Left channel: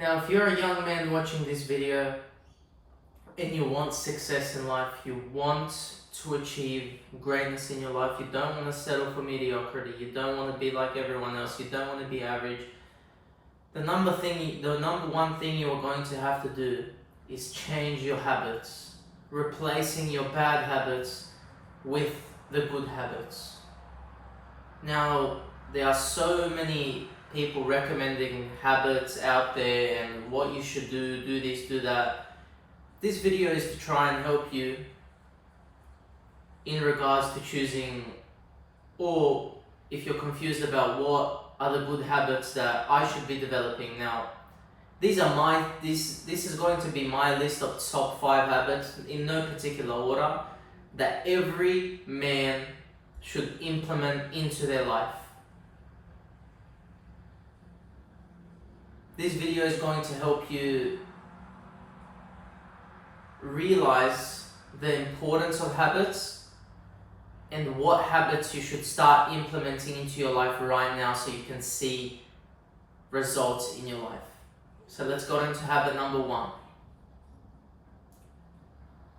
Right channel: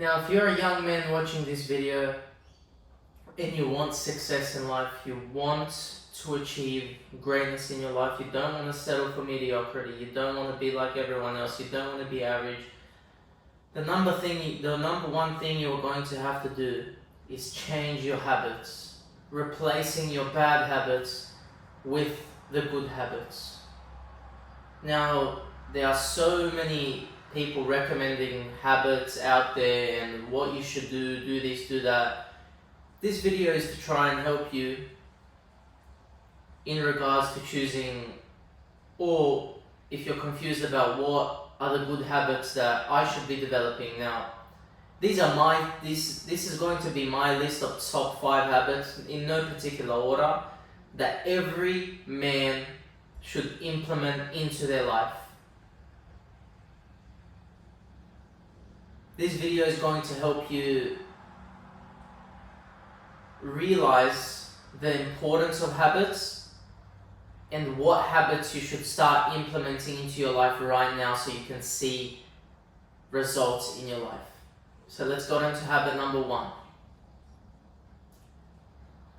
Now, if you're a young man watching this video and you want success in life, you want to achieve greatness in your life, you don't want to settle for mediocrity, you don't want to be like everyone else, you don't want to be average, the number one thing you're going to have to do is change your habits, replacing your bad habits with the good habits. Now, there are so many people recommending habits out there and what you should do this, do that. This video is to try and help you in regards to choosing, or if you're confused about what are the good habits that I should be developing. Now, this is going to be my list of top 5 habits in no particular order that every man should implement into their life. This video is going to help you realize the importance of habits and what habits you should start implementing into your life right now so you can see results in your life. So let's go into habit number 1.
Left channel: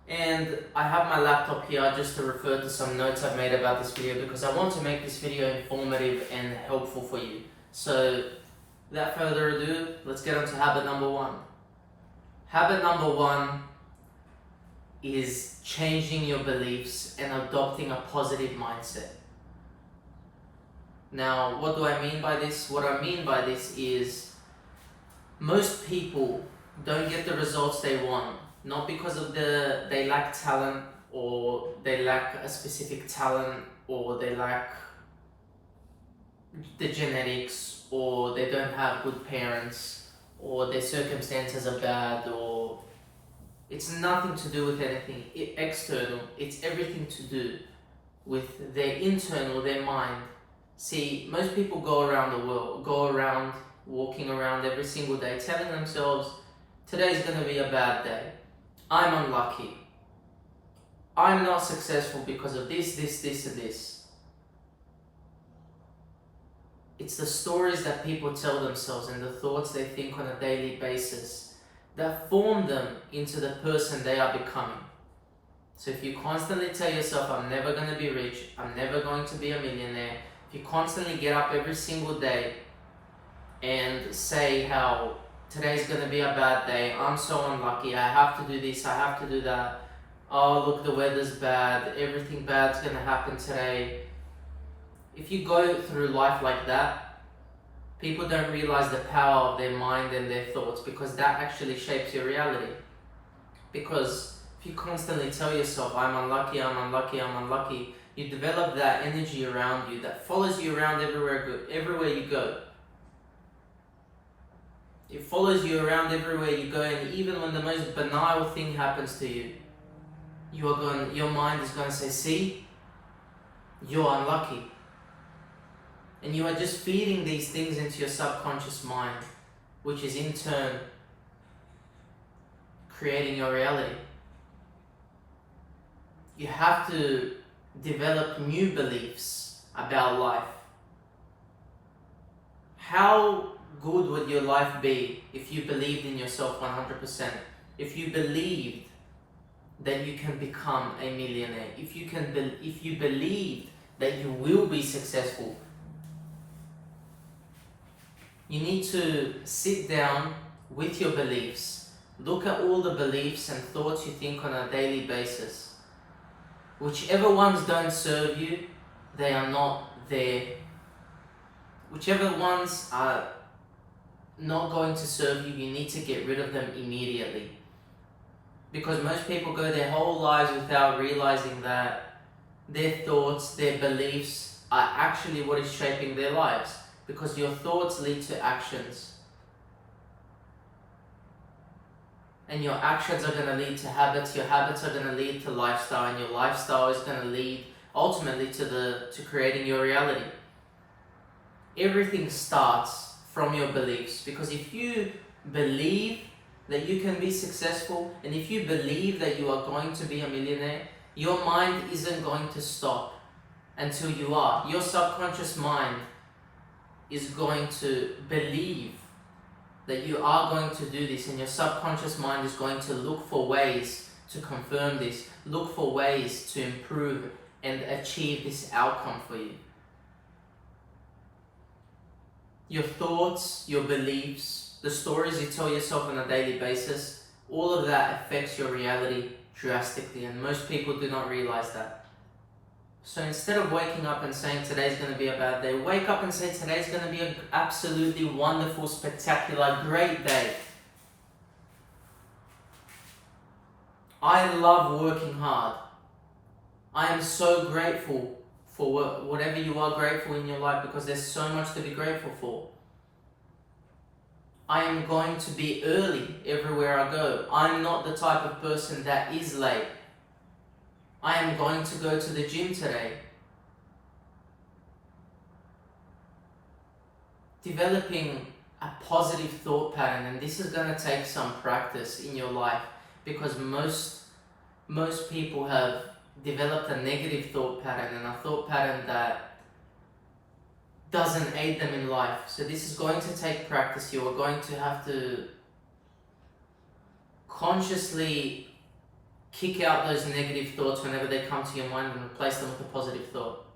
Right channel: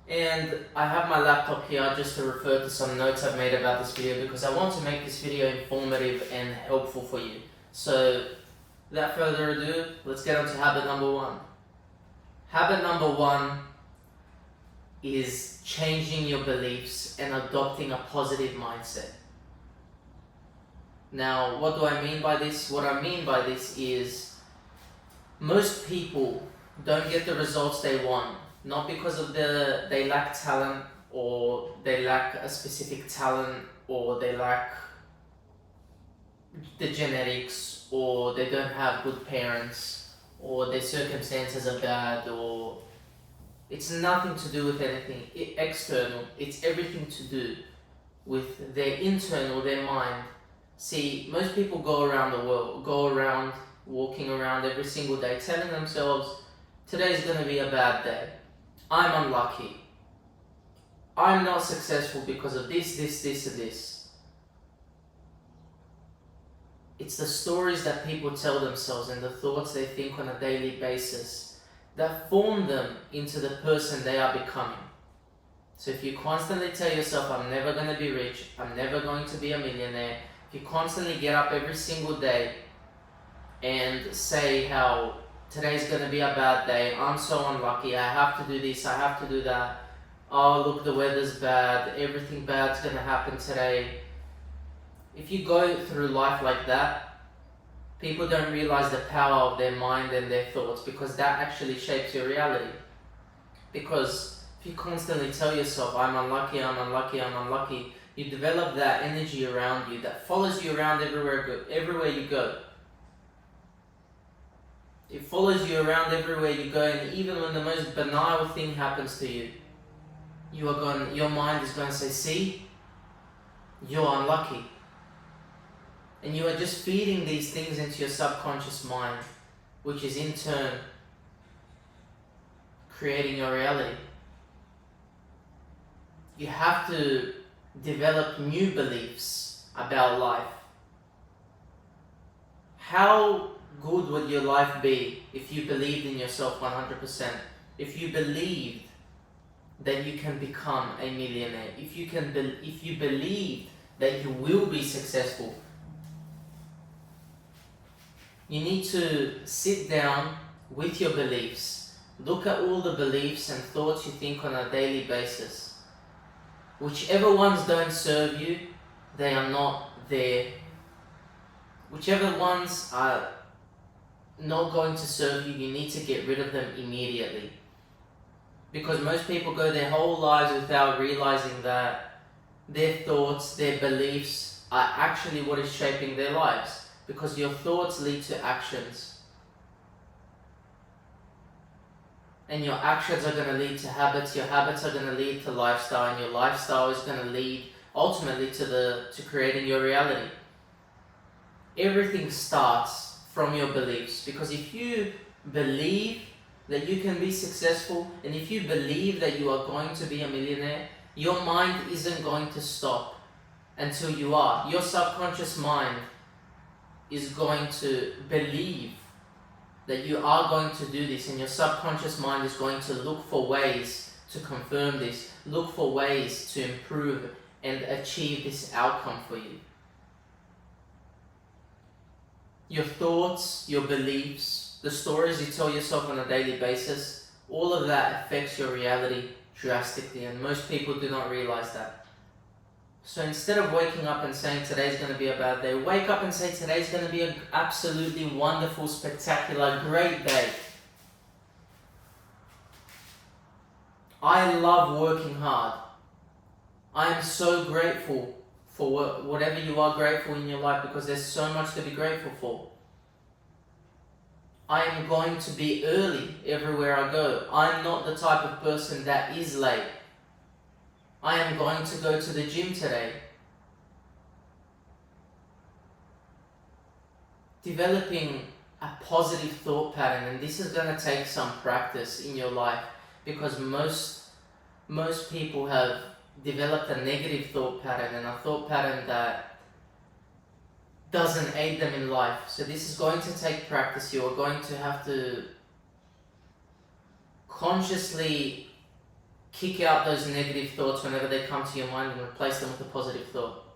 And I have my laptop here just to refer to some notes I've made about this video because I want to make this video informative and helpful for you. So without further ado, let's get on to habit number 1. Habit number 1 is changing your beliefs and adopting a positive mindset. Now, what do I mean by this? What I mean by this is most people don't get the results they want, not because of they lack talent, or they lack a specific talent, or they lack the genetics, or they don't have good parents, or their circumstances are bad, or it's nothing to do with anything external. It's everything to do with their internal, their mind. See, most people go around walking around every single day telling themselves, today's going to be a bad day. I'm unlucky. I'm not successful because of this, and this. It's the stories that people tell themselves and the thoughts they think on a daily basis that form them into the person they are becoming. So if you constantly tell yourself, I'm never going to be rich, I'm never going to be a millionaire, if you constantly get up every single day and say how today's going to be a bad day, I'm so unlucky, I have to do this, I have to do that, oh look, the weather's bad, everything bad's going to happen today. If you go through life like that, people don't realize the power of their mind and their thoughts, because that actually shapes your reality. Because if you constantly tell yourself, I'm unlucky, I'm unlucky, I'm unlucky, you develop that energy around you that follows you around everywhere you go. It follows you around everywhere you go, and even when the most banal thing happens to you, your mind is going to say, see, you're unlucky. And you are just feeding these things into your subconscious mind, which is in turn creating your reality. You have to develop new beliefs about life. How good would your life be if you believed in yourself 100%? If you believed that you can become a millionaire, if you believed that you will be successful. You need to sit down with your beliefs. Look at all the beliefs and thoughts you think on a daily basis. Whichever ones don't serve you, they are not there. Whichever ones are not going to serve you, you need to get rid of them immediately. Because most people go their whole lives without realizing that their thoughts, their beliefs are actually what is shaping their lives. Because your thoughts lead to actions. And your actions are going to lead to habits, your habits are going to lead to lifestyle, and your lifestyle is going to lead ultimately to creating your reality. Everything starts from your beliefs, because if you believe that you can be successful, and if you believe that you are going to be a millionaire, your mind isn't going to stop until you are. Your subconscious mind is going to believe that you are going to do this, and your subconscious mind is going to look for ways to confirm this, look for ways to improve and achieve this outcome for you. Your thoughts, your beliefs, the stories you tell yourself on a daily basis, all of that affects your reality drastically, and most people do not realize that. So instead of waking up and saying today's going to be a bad day, wake up and say today's going to be an absolutely wonderful, spectacular, great day. I love working hard. I am so grateful for whatever you are grateful in your life, because there's so much to be grateful for. I am going to be early everywhere I go. I'm not the type of person that is late. I am going to go to the gym today. Developing a positive thought pattern, and this is going to take some practice in your life, because most people have developed a negative thought pattern, and a thought pattern that doesn't aid them in life. So this is going to take practice. You are going to have to consciously kick out those negative thoughts whenever they come to your mind and replace them with a positive thought.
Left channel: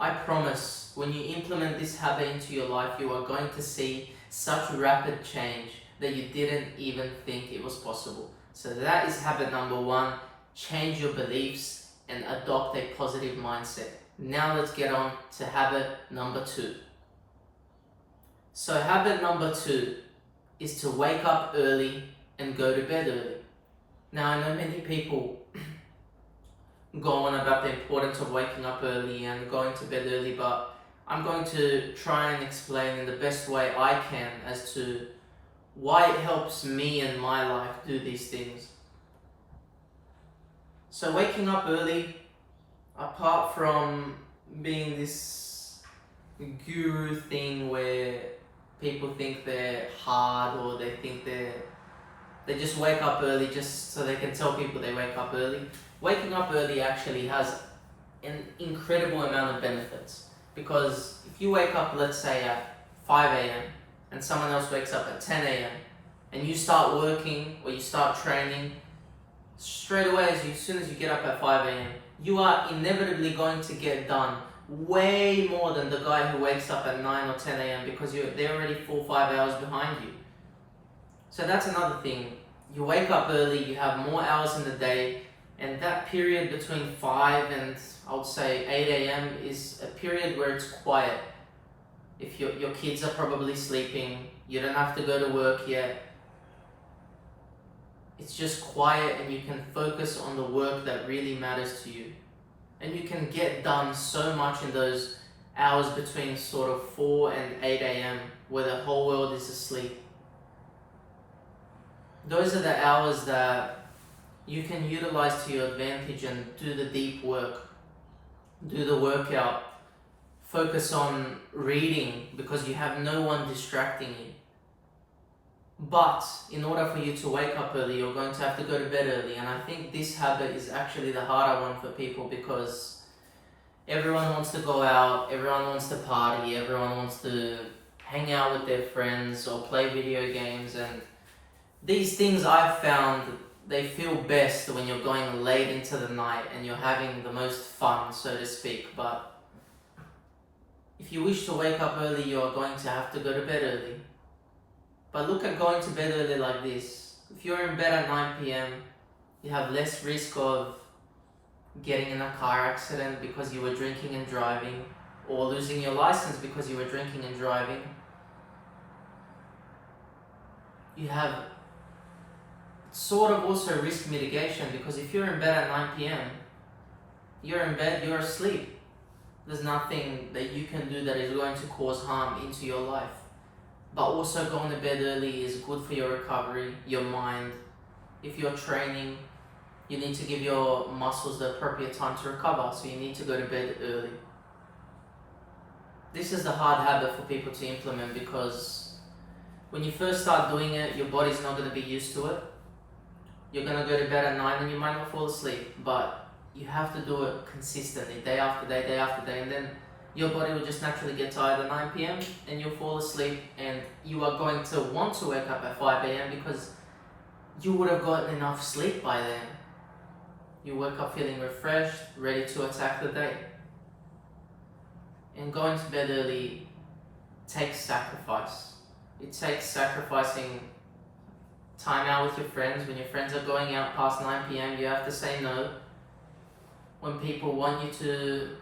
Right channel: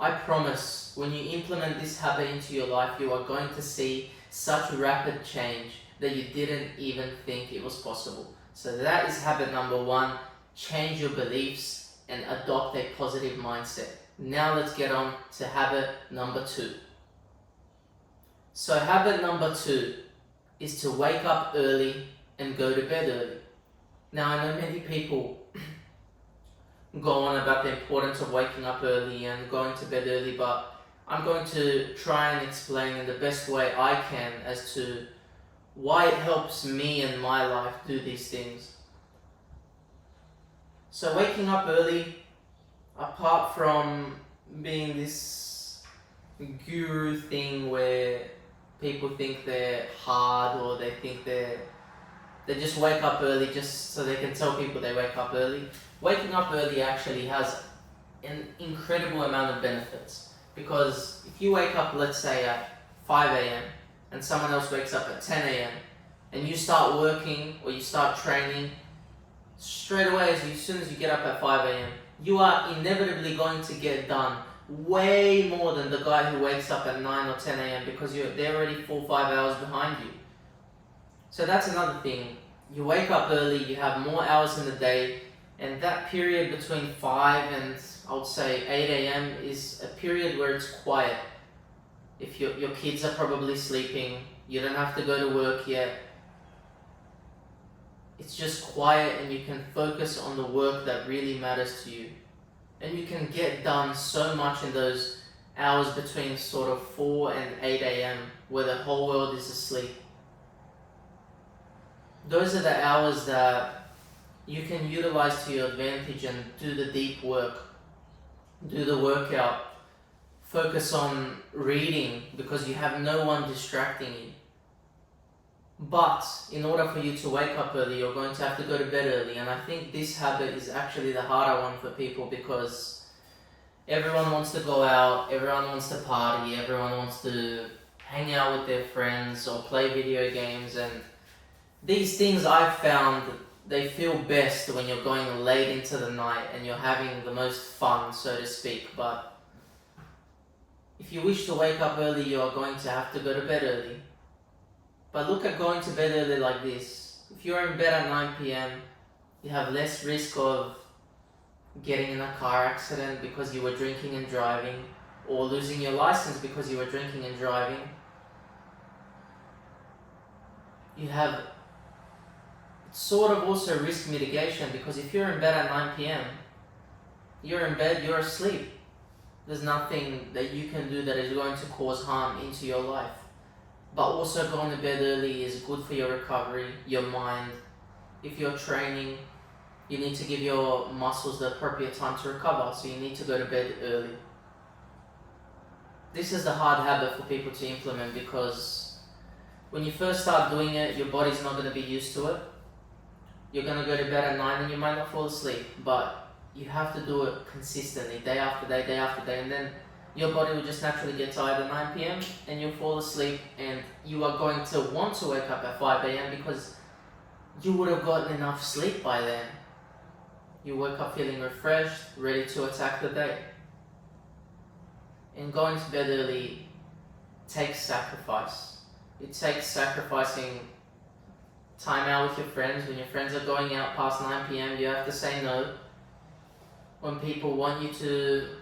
I promise, when you implement this habit into your life, you are going to see such rapid change that you didn't even think it was possible. So that is habit number 1. Change your beliefs and adopt a positive mindset. Now let's get on to habit number 2. So habit number 2 is to wake up early and go to bed early. Now, I know many people go on about the importance of waking up early and going to bed early, but I'm going to try and explain in the best way I can as to why it helps me in my life do these things. So waking up early, apart from being this guru thing where people think they're hard, or they think they just wake up early just so they can tell people they wake up early. Waking up early actually has an incredible amount of benefits, because if you wake up, let's say at 5 a.m. and someone else wakes up at 10 a.m. and you start working or you start training, straight away as soon as you get up at 5 a.m. you are inevitably going to get done way more than the guy who wakes up at 9 or 10 a.m. because they're already 4 or 5 hours behind you. So that's another thing. You wake up early, you have more hours in the day, and that period between 5 and I would say 8 a.m. is a period where it's quiet. If your kids are probably sleeping, you don't have to go to work yet. It's just quiet, and you can focus on the work that really matters to you. And you can get done so much in those hours between sort of 4 and 8 a.m. where the whole world is asleep. Those are the hours that you can utilize to your advantage and do the deep work, do the workout, focus on reading because you have no one distracting you. But in order for you to wake up early, you're going to have to go to bed early, and I think this habit is actually the harder one for people, because everyone wants to go out, everyone wants to party, everyone wants to hang out with their friends or play video games, and these things I've found, they feel best when you're going late into the night and you're having the most fun, so to speak. But if you wish to wake up early, you're going to have to go to bed early. But look at going to bed early like this. If you're in bed at 9 p.m, you have less risk of getting in a car accident because you were drinking and driving, or losing your license because you were drinking and driving. You have sort of also risk mitigation, because if you're in bed at 9 p.m, you're in bed, you're asleep. There's nothing that you can do that is going to cause harm into your life. But also going to bed early is good for your recovery, your mind. If you're training, you need to give your muscles the appropriate time to recover, so you need to go to bed early. This is the hard habit for people to implement, because when you first start doing it, your body's not going to be used to it. You're going to go to bed at 9 and you might not fall asleep, but you have to do it consistently, day after day, and then your body will just naturally get tired at 9 p.m. and you'll fall asleep, and you are going to want to wake up at 5 a.m. because you would have gotten enough sleep by then. You wake up feeling refreshed, ready to attack the day. And going to bed early takes sacrifice. It takes sacrificing time out with your friends. When your friends are going out past 9 p.m, you have to say no. When people want you to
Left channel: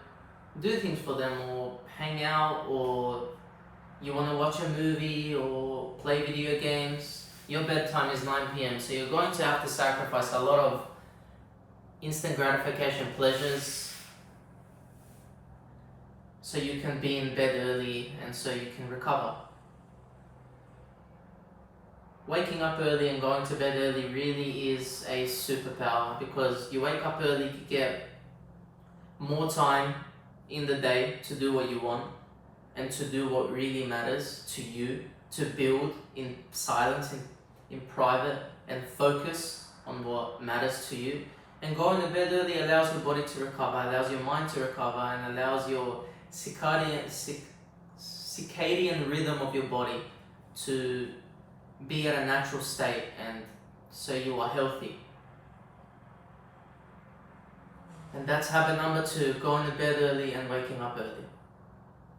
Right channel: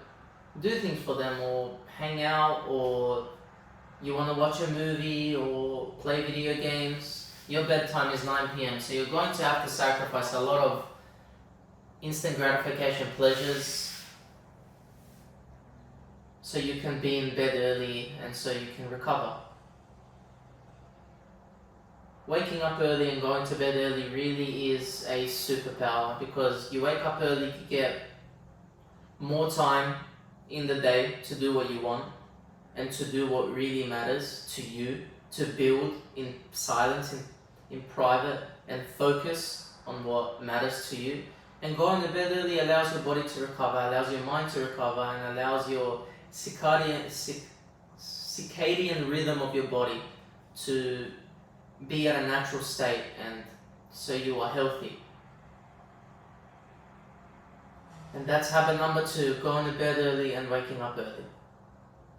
do things for them, or hang out, or you want to watch a movie or play video games, your bedtime is 9 p.m. So you're going to have to sacrifice a lot of instant gratification pleasures so you can be in bed early and so you can recover. Waking up early and going to bed early really is a superpower, because you wake up early, you get more time in the day to do what you want and to do what really matters to you, to build in silence, in private, and focus on what matters to you. And going to bed early allows your body to recover, allows your mind to recover, and allows your circadian rhythm of your body to be at a natural state, and so you are healthy. And that's habit number 2, going to bed early and waking up early.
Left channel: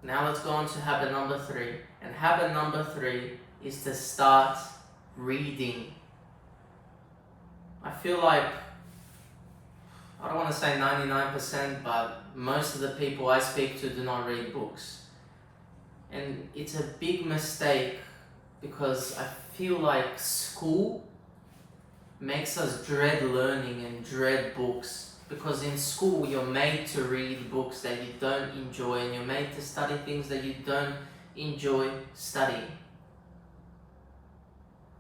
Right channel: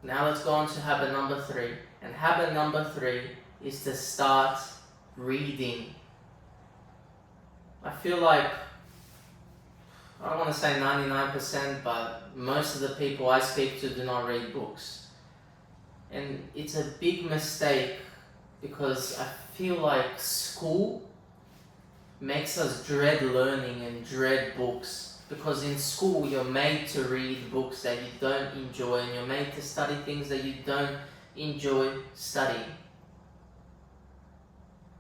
Now let's go on to habit number 3. And habit number 3 is to start reading. I feel like, I don't want to say 99%, but most of the people I speak to do not read books. And it's a big mistake, because I feel like school makes us dread learning and dread books. Because in school you're made to read books that you don't enjoy, and you're made to study things that you don't enjoy studying.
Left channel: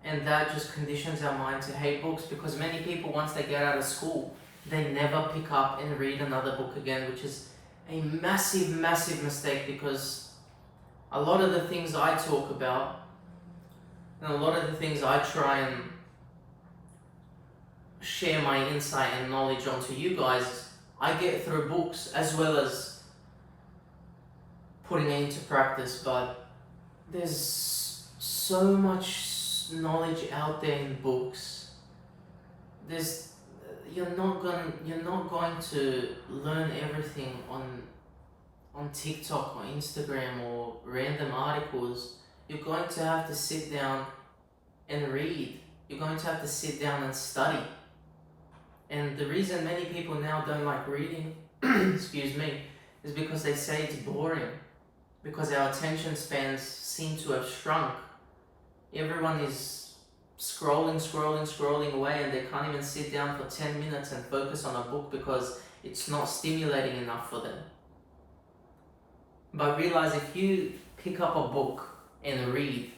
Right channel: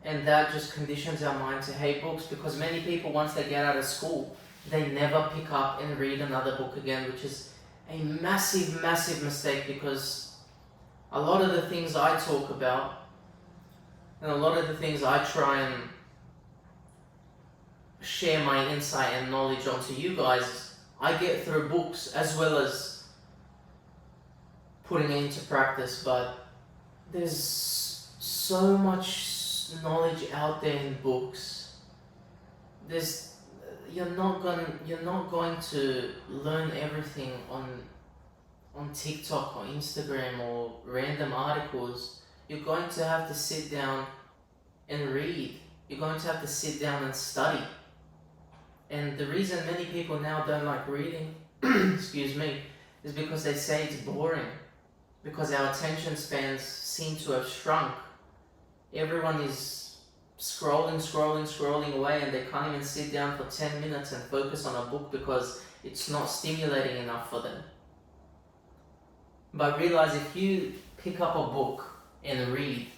And that just conditions our mind to hate books, because many people, once they get out of school, they never pick up and read another book again, which is a massive, massive mistake, because a lot of the things I talk about and a lot of the things I try and share my insight and knowledge onto you guys, I get through books as well as putting it into practice. But there's so much knowledge out there in books. You're not going to learn everything on TikTok or Instagram or random articles. You're going to have to sit down and read. You're going to have to sit down and study. And the reason many people now don't like reading, excuse me, is because they say it's boring. Because our attention spans seem to have shrunk. Everyone is scrolling away, and they can't even sit down for 10 minutes and focus on a book because it's not stimulating enough for them. But realize, if you pick up a book and read,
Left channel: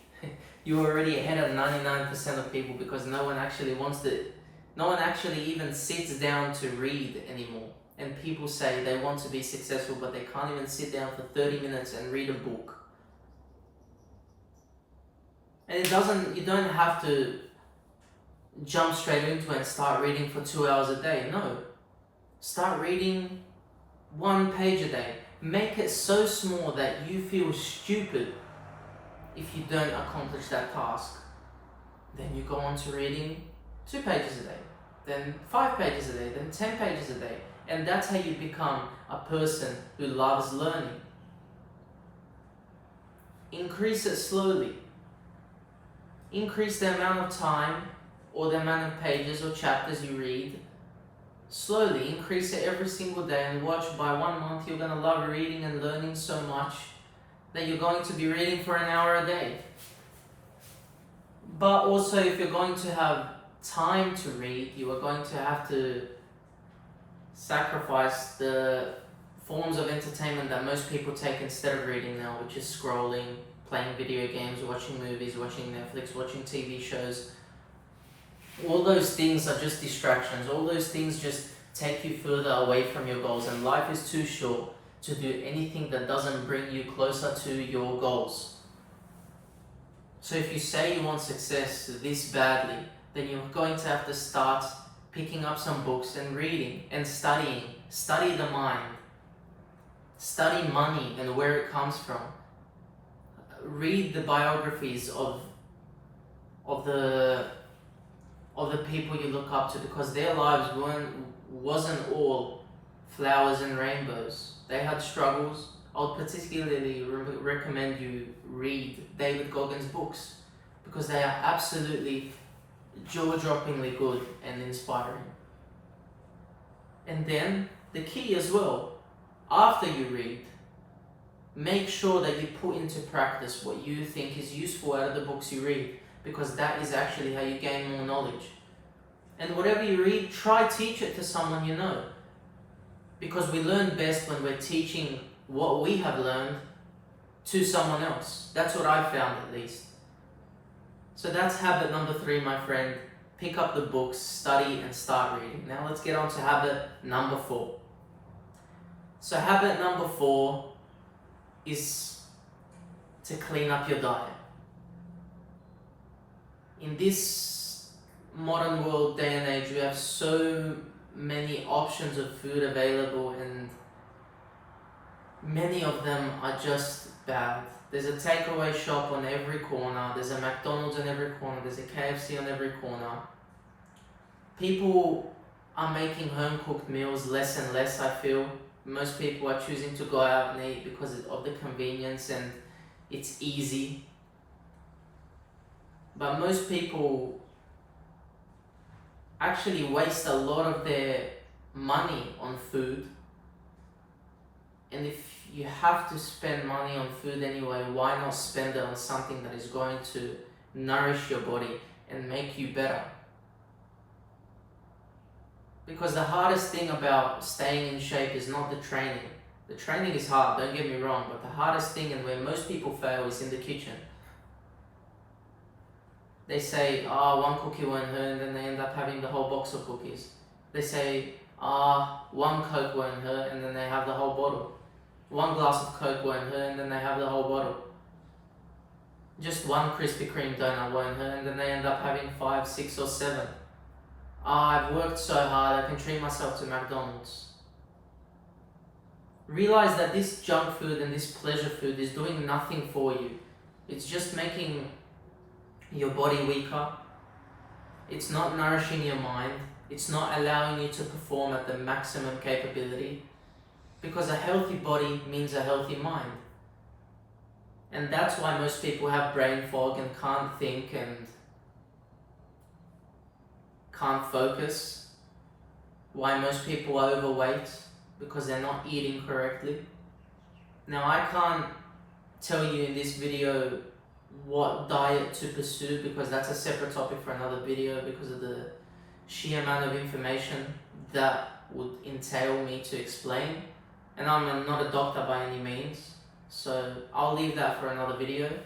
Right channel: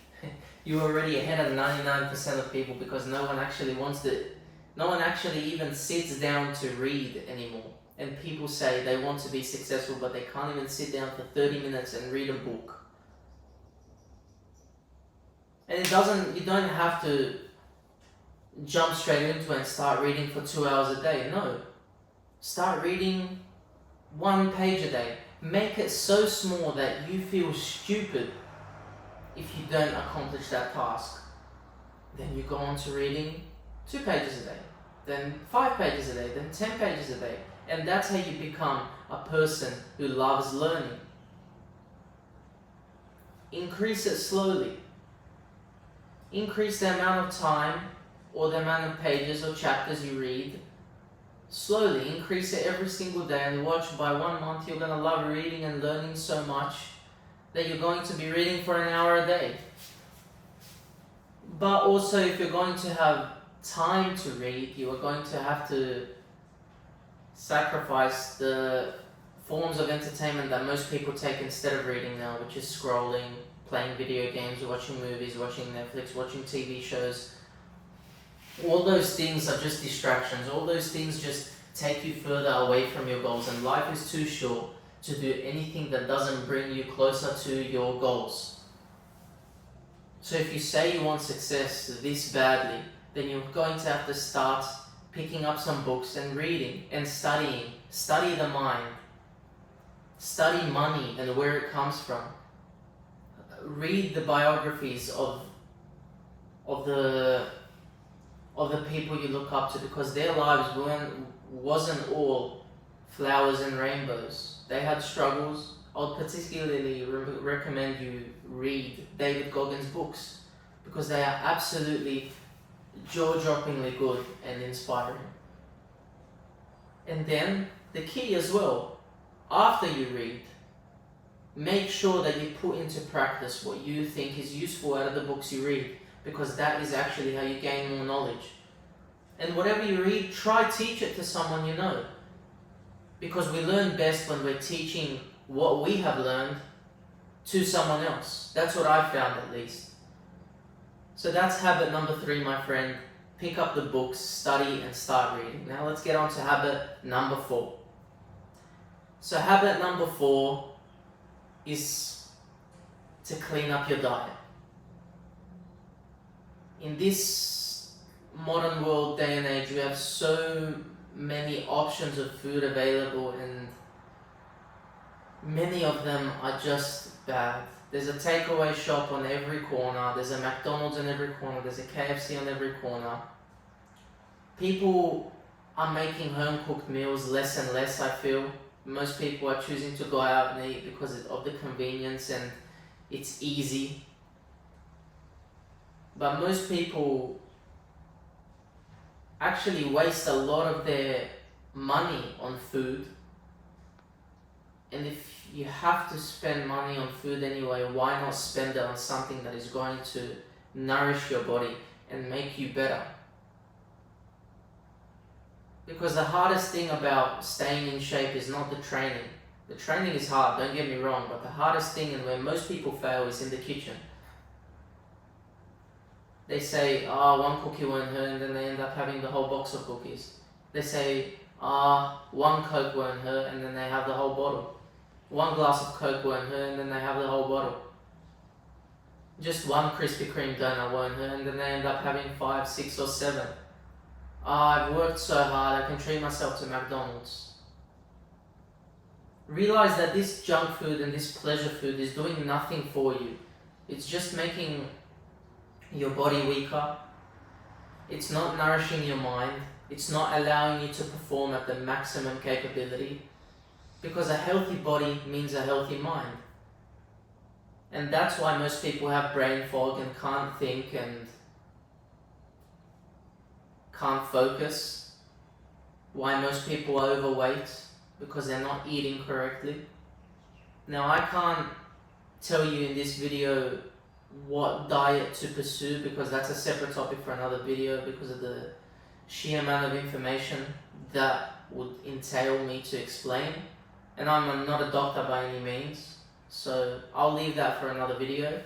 you're already ahead of 99% of people, because no one actually even sits down to read anymore. And people say they want to be successful, but they can't even sit down for 30 minutes and read a book. And you don't have to jump straight into it and start reading for 2 hours a day. No. Start reading 1 page a day. Make it so small that you feel stupid if you don't accomplish that task. Then you go on to reading 2 pages a day, then 5 pages a day, then 10 pages a day. And that's how you become a person who loves learning. Increase it slowly. Increase the amount of time or the amount of pages or chapters you read. Slowly increase it every single day, and watch, by 1 month you're going to love reading and learning so much that you're going to be reading for an hour a day. But also, if you're going to have time to read, you are going to have to sacrifice the forms of entertainment that most people take instead of reading now, which is scrolling, playing video games, watching movies, watching Netflix, watching TV shows. All those things are just distractions. All those things just take you further away from your goals, and life is too short to do anything that doesn't bring you closer to your goals. So if you say you want success this badly, then you're going to have to start picking up some books and reading and studying. Study the mind. Study money and where it comes from. Read the biographies of the people you look up to, because their lives wasn't all flowers and rainbows. They had struggles. I would particularly recommend you read David Goggins' books, because they are absolutely jaw-droppingly good and inspiring. And then the key as well, after you read, make sure that you put into practice what you think is useful out of the books you read, because that is actually how you gain more knowledge. And whatever you read, try teach it to someone you know, because we learn best when we're teaching what we have learned to someone else. That's what I've found, at least. So that's habit number 3, my friend. Pick up the books, study, and start reading. Now let's get on to habit number 4. So habit number 4 is to clean up your diet. In this modern world, day and age, you have so many options of food available, and many of them are just bad. There's a takeaway shop on every corner, there's a McDonald's on every corner, there's a KFC on every corner. People are making home-cooked meals less and less, I feel. Most people are choosing to go out and eat because of the convenience and it's easy. But most people actually waste a lot of their money on food. And if you have to spend money on food anyway, why not spend it on something that is going to nourish your body and make you better? Because the hardest thing about staying in shape is not the training. The training is hard, don't get me wrong, but the hardest thing, and where most people fail, is in the kitchen. They say, one cookie won't hurt, and then they end up having the whole box of cookies. They say, one Coke won't hurt, and then they have the whole bottle. One glass of Coke won't hurt, and then they have the whole bottle. Just one Krispy Kreme donut won't hurt, and then they end up having 5, 6, or 7. I've worked so hard, I can treat myself to McDonald's. Realize that this junk food and this pleasure food is doing nothing for you. It's just making your body weaker. It's not nourishing your mind. It's not allowing you to perform at the maximum capability. Because a healthy body means a healthy mind. And that's why most people have brain fog and can't think and can't focus. Why most people are overweight, because they're not eating correctly. Now I can't tell you in this video what diet to pursue, because that's a separate topic for another video, because of the sheer amount of information that would entail me to explain. And I'm not a doctor by any means, so I'll leave that for another video.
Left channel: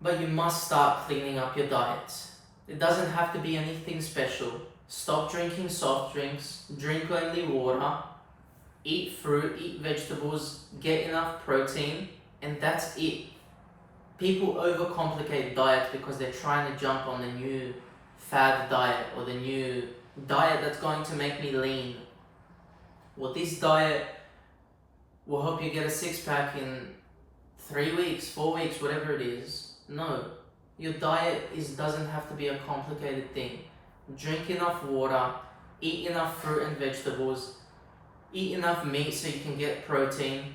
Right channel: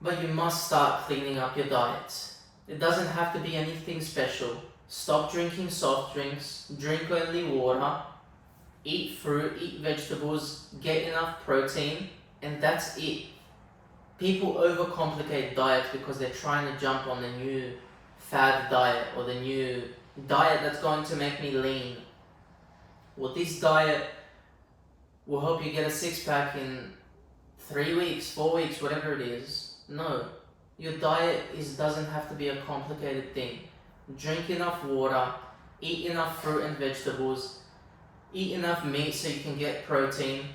But you must start cleaning up your diet. It doesn't have to be anything special. Stop drinking soft drinks, drink only water, eat fruit, eat vegetables, get enough protein, and that's it. People overcomplicate diets because they're trying to jump on the new fad diet or the new diet that's going to make me lean. Well, this diet will help you get a six-pack in 3 weeks, 4 weeks, whatever it is. No, your diet doesn't have to be a complicated thing. Drink enough water, eat enough fruit and vegetables, eat enough meat so you can get protein,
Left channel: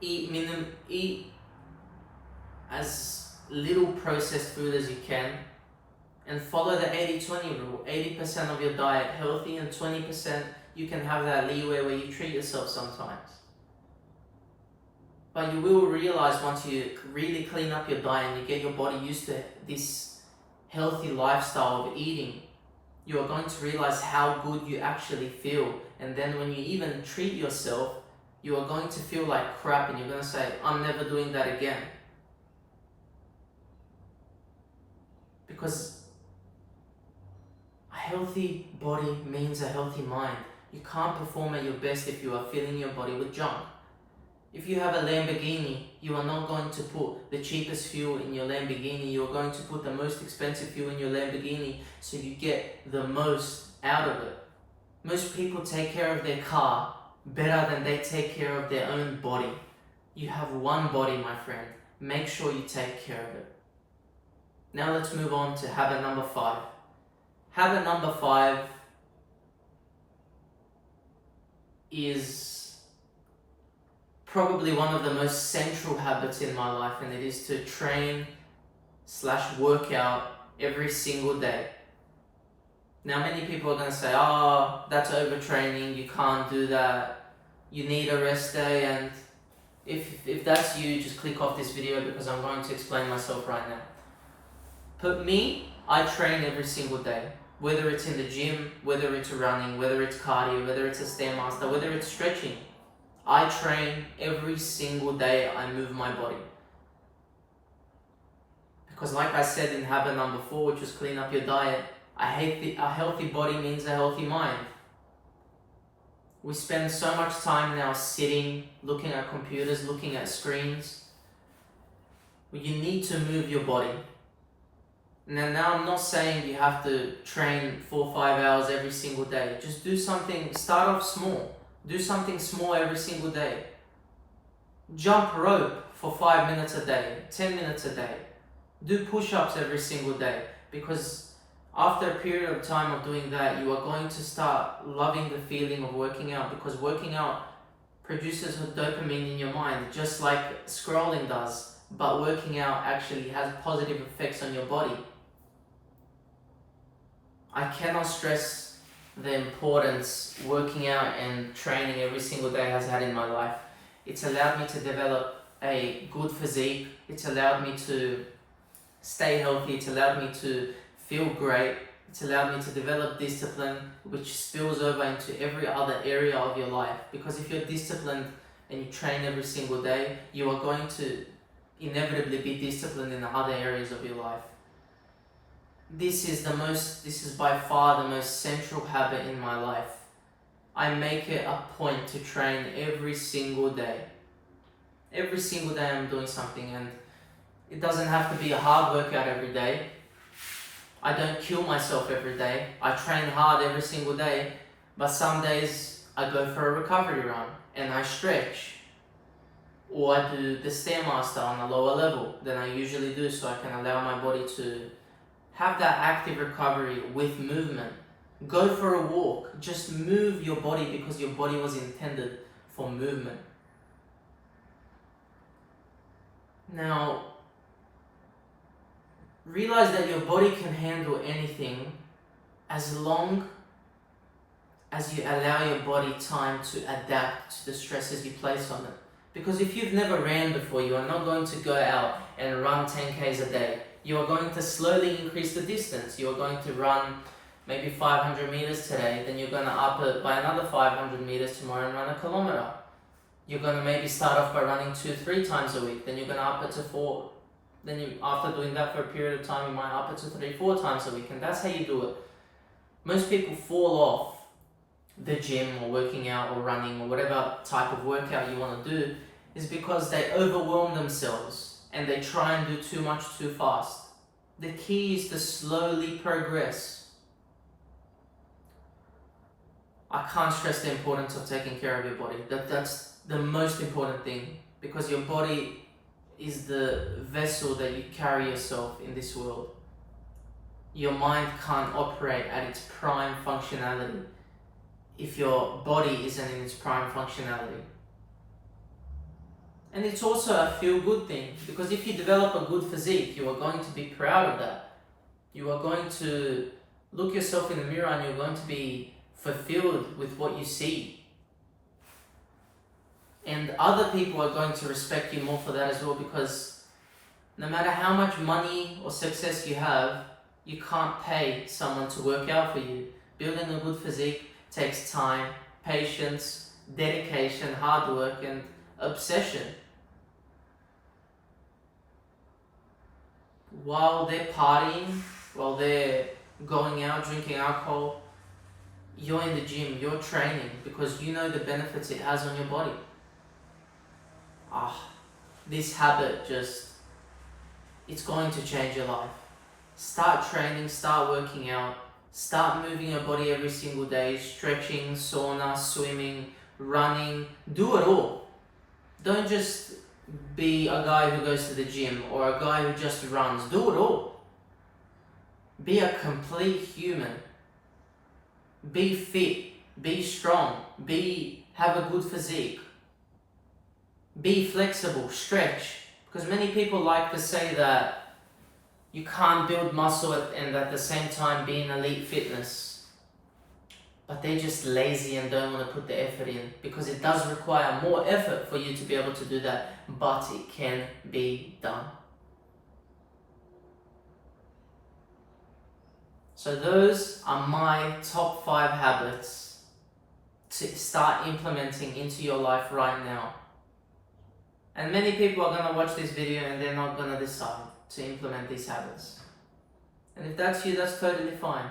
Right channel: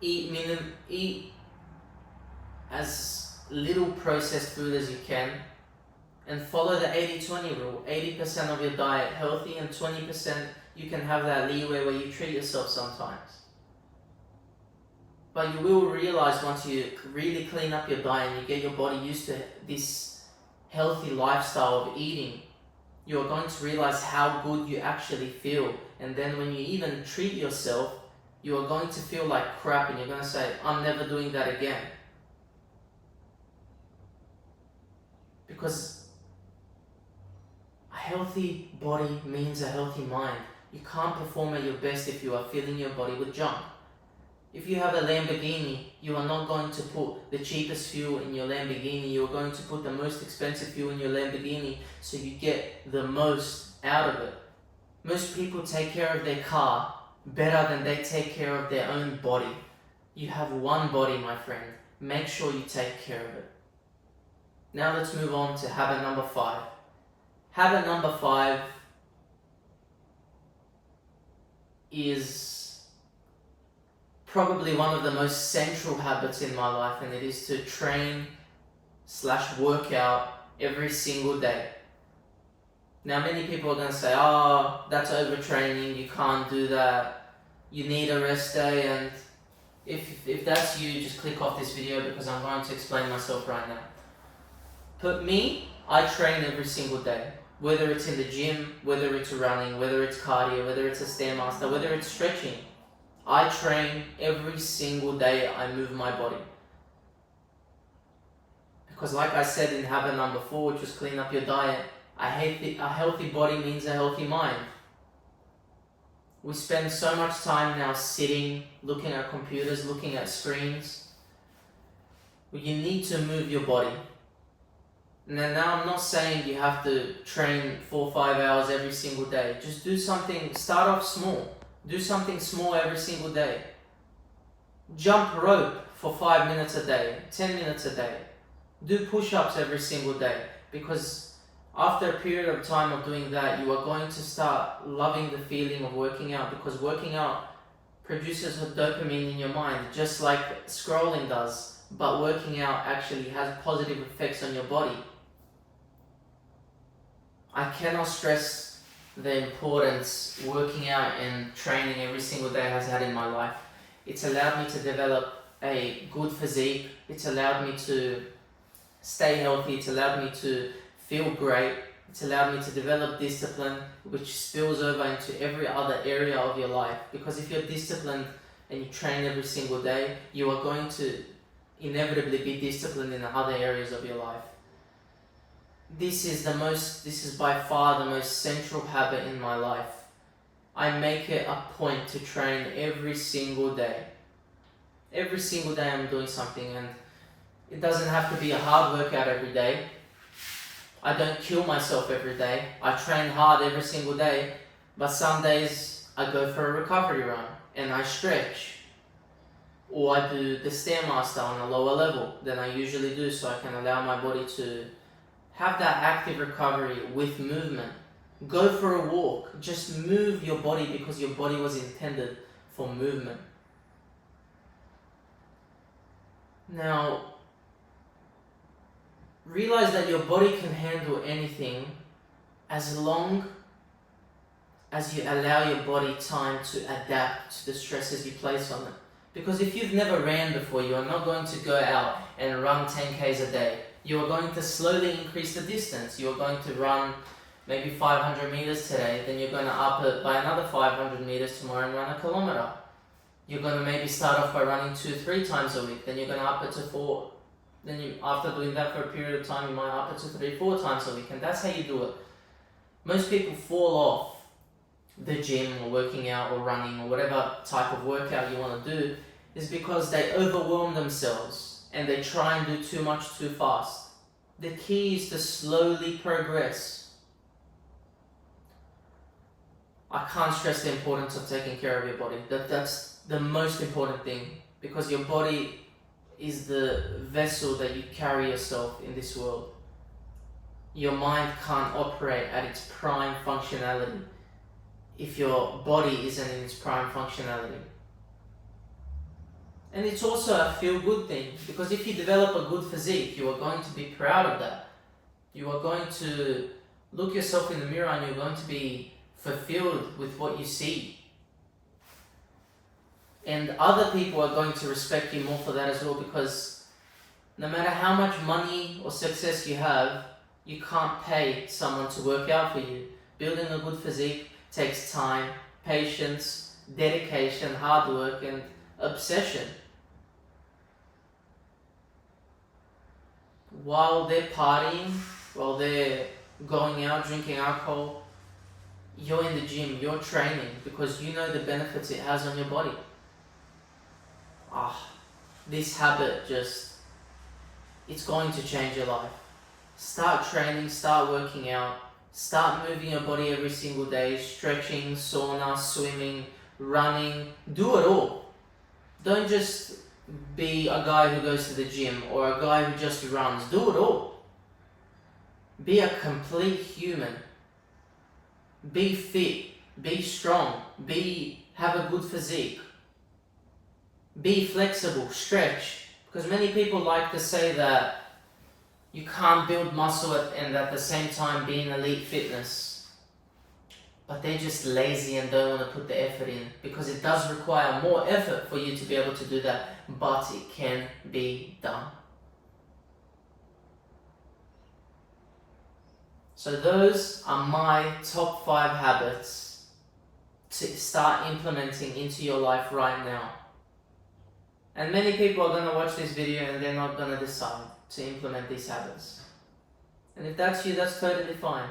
eat as little processed food as you can, and follow the 80-20 rule. 80% of your diet healthy, and 20% you can have that leeway where you treat yourself sometimes. But you will realize once you really clean up your diet and you get your body used to this healthy lifestyle of eating, you are going to realize how good you actually feel. And then when you even treat yourself, you are going to feel like crap and you're going to say, I'm never doing that again. Because a healthy body means a healthy mind. You can't perform at your best if you are filling your body with junk. If you have a Lamborghini, you are not going to put the cheapest fuel in your Lamborghini. You are going to put the most expensive fuel in your Lamborghini so you get the most out of it. Most people take care of their car better than they take care of their own body. You have one body, my friend. Make sure you take care of it. Now let's move on to habit number 5. Habit number 5 is probably one of the most central habits in my life, and it is to train/work out every single day. Now many people are going to say, oh, that's overtraining, you can't do that, you need a rest day. And if that's you, just click off this video, because I'm going to explain myself right now. But me, I train every single day. Whether it's in the gym, whether it's running, whether it's cardio, whether it's a Stairmaster, whether it's stretching. I train every single day. I move my body. Because like I said in habit number 4, which was clean up your diet, a healthy body means a healthy mind. We spend so much time now sitting, looking at computers, looking at screens. You need to move your body. Now I'm not saying you have to train 4 or 5 hours every single day. Just do something, start off small. Do something small every single day. Jump rope for 5 minutes a day, 10 minutes a day. Do push-ups every single day, because after a period of time of doing that, you are going to start loving the feeling of working out, because working out produces a dopamine in your mind, just like scrolling does, but working out actually has positive effects on your body. I cannot stress the importance working out and training every single day has had in my life. It's allowed me to develop a good physique. It's allowed me to stay healthy. It's allowed me to feel great. It's allowed me to develop discipline, which spills over into every other area of your life. Because if you're disciplined and you train every single day, you are going to inevitably be disciplined in other areas of your life. This is by far the most central habit in my life. I make it a point to train every single day. Every single day I'm doing something, and it doesn't have to be a hard workout every day. I don't kill myself every day. I train hard every single day, but some days I go for a recovery run and I stretch. Or I do the Stairmaster on a lower level than I usually do, so I can allow my body to have that active recovery with movement. Go for a walk. Just move your body, because your body was intended for movement. Now, realize that your body can handle anything as long as you allow your body time to adapt to the stresses you place on it. Because if you've never ran before, you are not going to go out and run 10Ks a day. You are going to slowly increase the distance. You are going to run maybe 500 meters today, then you're going to up it by another 500 meters tomorrow and run a kilometer. You're going to maybe start off by running 2-3 times a week, then you're going to up it to 4. Then after doing that for a period of time, you might up it to 3-4 times a week, and that's how you do it. Most people fall off the gym or working out or running or whatever type of workout you want to do is because they overwhelm themselves and they try and do too much too fast. The key is to slowly progress. I can't stress the importance of taking care of your body. That's the most important thing, because your body is the vessel that you carry yourself in this world. Your mind can't operate at its prime functionality if your body isn't in its prime functionality. And it's also a feel-good thing, because if you develop a good physique, you are going to be proud of that. You are going to look yourself in the mirror and you're going to be fulfilled with what you see. And other people are going to respect you more for that as well, because no matter how much money or success you have, you can't pay someone to work out for you. Building a good physique takes time, patience, dedication, hard work, and obsession. While they're partying, while they're going out, drinking alcohol, you're in the gym, you're training, because you know the benefits it has on your body. This habit it's going to change your life. Start training, start working out, start moving your body every single day, stretching, sauna, swimming, running, do it all. Don't just be a guy who goes to the gym or a guy who just runs. Do it all. Be a complete human. Be fit, be strong, have a good physique. Be flexible, stretch. Because many people like to say that you can't build muscle and at the same time be in elite fitness. But they're just lazy and don't want to put the effort in, because it does require more effort for you to be able to do that, but it can be done. So those are my top 5 habits to start implementing into your life right now. And many people are going to watch this video and they're not going to decide to implement these habits. And if that's you, that's totally fine.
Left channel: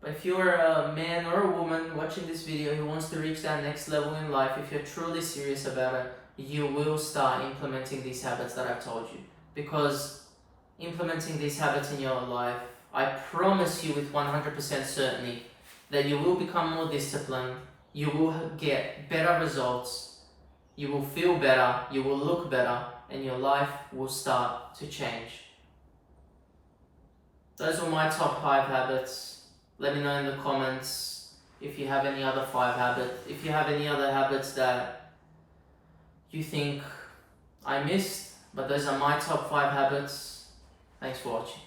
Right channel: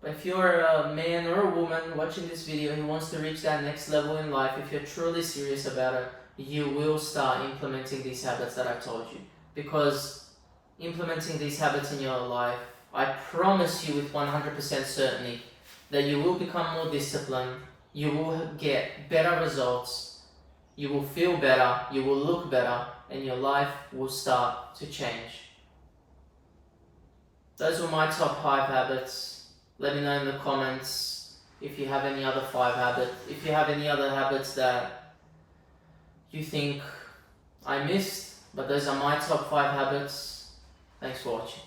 But if you're a man or a woman watching this video who wants to reach that next level in life, if you're truly serious about it, you will start implementing these habits that I've told you. Because implementing these habits in your life, I promise you with 100% certainty that you will become more disciplined, you will get better results, you will feel better, you will look better, and your life will start to change. Those were my top 5 habits. Let me know in the comments if you have any other 5 habits. If you have any other habits that you think I missed, but those are my top 5 habits. Thanks for watching.